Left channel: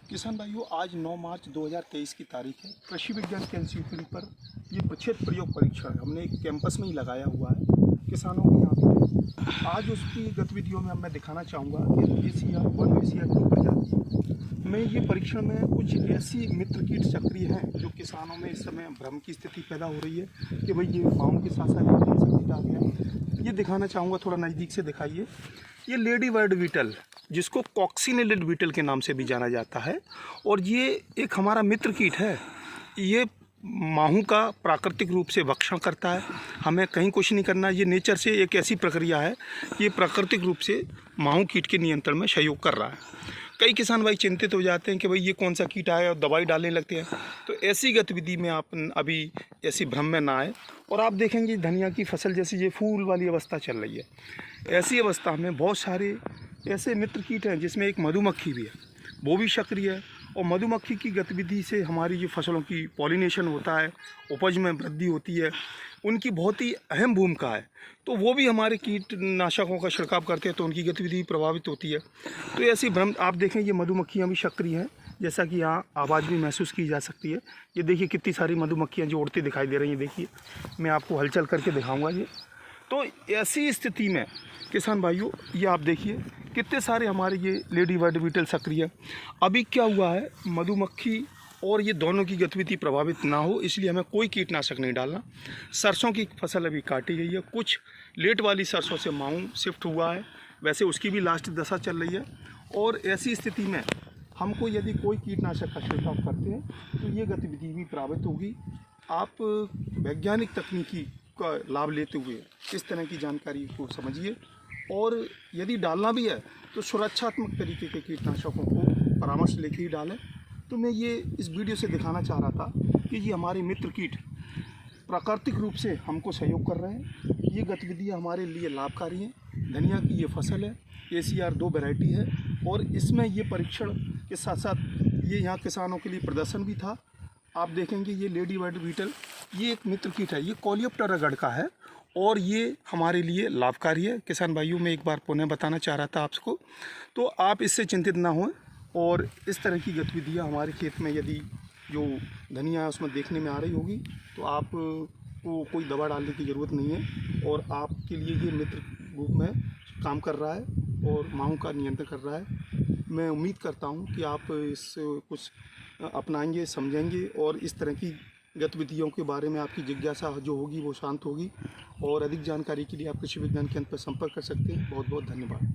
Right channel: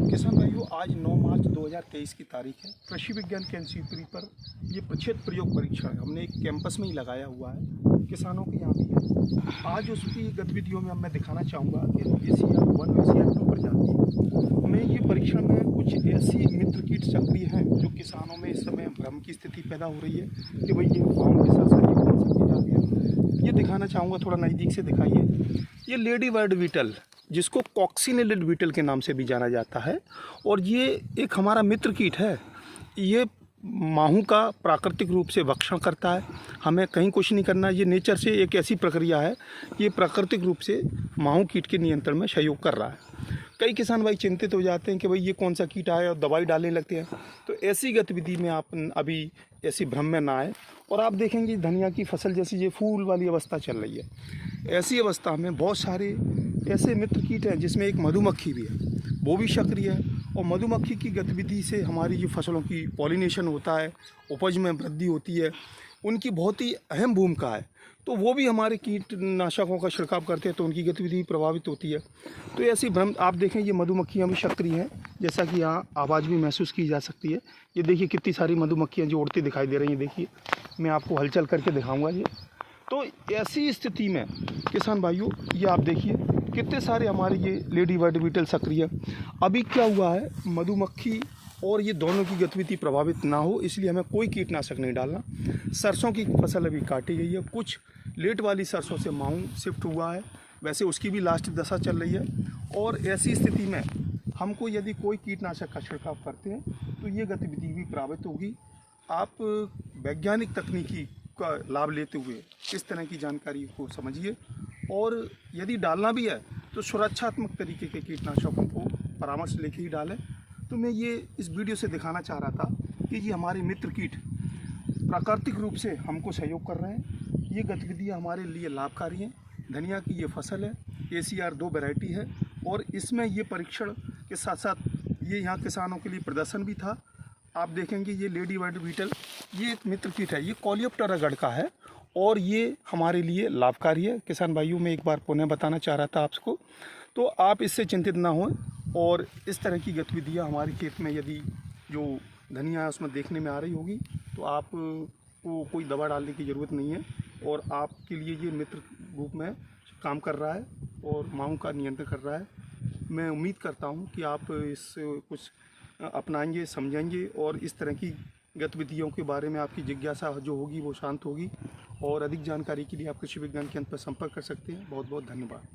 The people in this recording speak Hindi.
किसान भाइयों, आज 9 मार्च 2023 की तारीख है। कृषि विज्ञान केंद्र शिवपुरी पर ये प्रक्षेत्र प्रयोग परीक्षण हमने एक कैंपस में ही लगाया हुआ है, किसानों के यहाँ भी है। आज उसकी गतिविधियों में अब मैं दिखाना चाहूँगा कि ACR 1 और ACR 2 प्रजाति में ये परीक्षण में कुछ ऐसी मित्र कीट सक्रिय हैं जो किसानों में इस समय भ्रम की स्थिति पैदा हो रही है कि भाई ये माओं के साथ साथ ये कौन सा कीट आ गया। ये दिखाना चाहूँगा, थोड़ा नज़दीक से दिखाइए। ये लेडी बर्ड बीटल, जिसको कॉक्सिनेलिड बीटल के नाम से भी जाना जाता है, और ये एक हमारा मित्र कीट है। ये माहू का प्राकृतिक रूप से भक्षण करता है, हमें कहीं कुछ नहीं करना। ये नेचर से एक ऐसी प्रक्रिया है कि ये प्राकृतिक रूप से माहू कीट के नियंत्रण में सहयोग कर रहा है। कई किसान भाई चिंतित हो जाते हैं कि भाई ये कौन सा कीट आया और दवाई डालने लगते हैं, तो ऐसी गतिविधि में आप अभी ऐसी भ्रम में ना आए। और आप देखेंगे धनिया की फसल जैसी ये फूल वाली अवस्था चल रही है, ऐसी अवस्था में बहुत सारे ऐसे मित्र कीट हैं जिसमें एक मधुमक्खी भी है, वो भी सक्रिय है। और मधुमक्खी की गतिविधि से हमारी जो फसलों की पॉलिनेशन होता है, उपज में वृद्धि होती है, उनकी बहुत ही अहम भूमिका है। तो वो भी हमारे कीटनाशकों का छिड़काव करते हैं तो उनकी गतिविधि प्रभावित होती है। तो ऐसी भ्रम आप देखें, ये मधुमक्खियाँ भी सक्रिय हैं, जैसा कि यहाँ आवाज़ भी महसूस की जा सकती है। ये देखिए कितनी सारी मधुमक्खियाँ जो उड़ती दिखाई दे रही हैं। देखिए मैं आपको हलचल करके दिखाऊँगा ये। तो ऐसी स्थिति में किसान भाइयों, ये आप देखिए कितने सारे हमारे ये लेडी बर्ड बीटल सक्रिय। अभी क्या हुआ है, मधुमक्खी और ये दोनों की गतिविधि प्रभावित ना हो इसलिए हमें कोई कीटनाशक नहीं डालना। सरसों की फसल अभी काटी गई है, कुछ लेट वाली सरसों से माहू शिफ्ट हुआ है, वैसे उसकी भी लास्ट दशा चल रही है। और ऐसी स्थिति में हमको यदि कोई कीटनाशक का छिड़काव करते हैं तो ये गतिविधि भी प्रभावित होगी। आप वैज्ञानिक तकनीकी का लाभ लेते हुए इस तरह की जानकारी को समझिए, और यदि डालना भी है तो सुरक्षात्मक तरीके के कीटनाशकों को परामर्श लेके ही डालें। तो मैं ये इस वीडियो से दिखाना चाह रहा था कि ये हमारे मित्र कीट प्राकृतिक रूप से हमको सहयोग कर रहे हैं। ये गतिविधियाँ हमारे लिए लाभकारी हैं। धनिया की ये फसल है, ACR 2 वैरायटी है, और इसमें ये परीक्षण के साथ साथ ये यहाँ किसानों के लिए प्रदर्शन भी था। आप देखेंगे ये लेडी बर्ड बीटल, ये एक मित्र कीट है, ये कोलियोप्टेरा गण का है और ये हमारे लिए लाभकारी है। किसान भाइयों, मैं एक बार पुनः बताना चाह रहा था आपको, तो आप इससे चिंतित ना हों। और इस तरह की गतिविधियाँ हमारे खेत में यदि जो धनिया है उसमें देखने में आ रही होगी तो आप को कोई दवा डालने की ज़रूरत नहीं है, और आपके लिए ये मित्र रूप में काम कर रहा है और माहू का नियंत्रण कर रहा है। मैं उम्मीद करता हूँ कि आप इस कुछ अपनाएंगे, समझेंगे, और इस तरह की गतिविधियों के बारे में आपकी जिज्ञासा जो होगी वो शांत होगी। और अधिक जानकारी के लिए आप कृषि विज्ञान केंद्र पर संपर्क कर सकते हैं। बहुत बहुत धन्यवाद।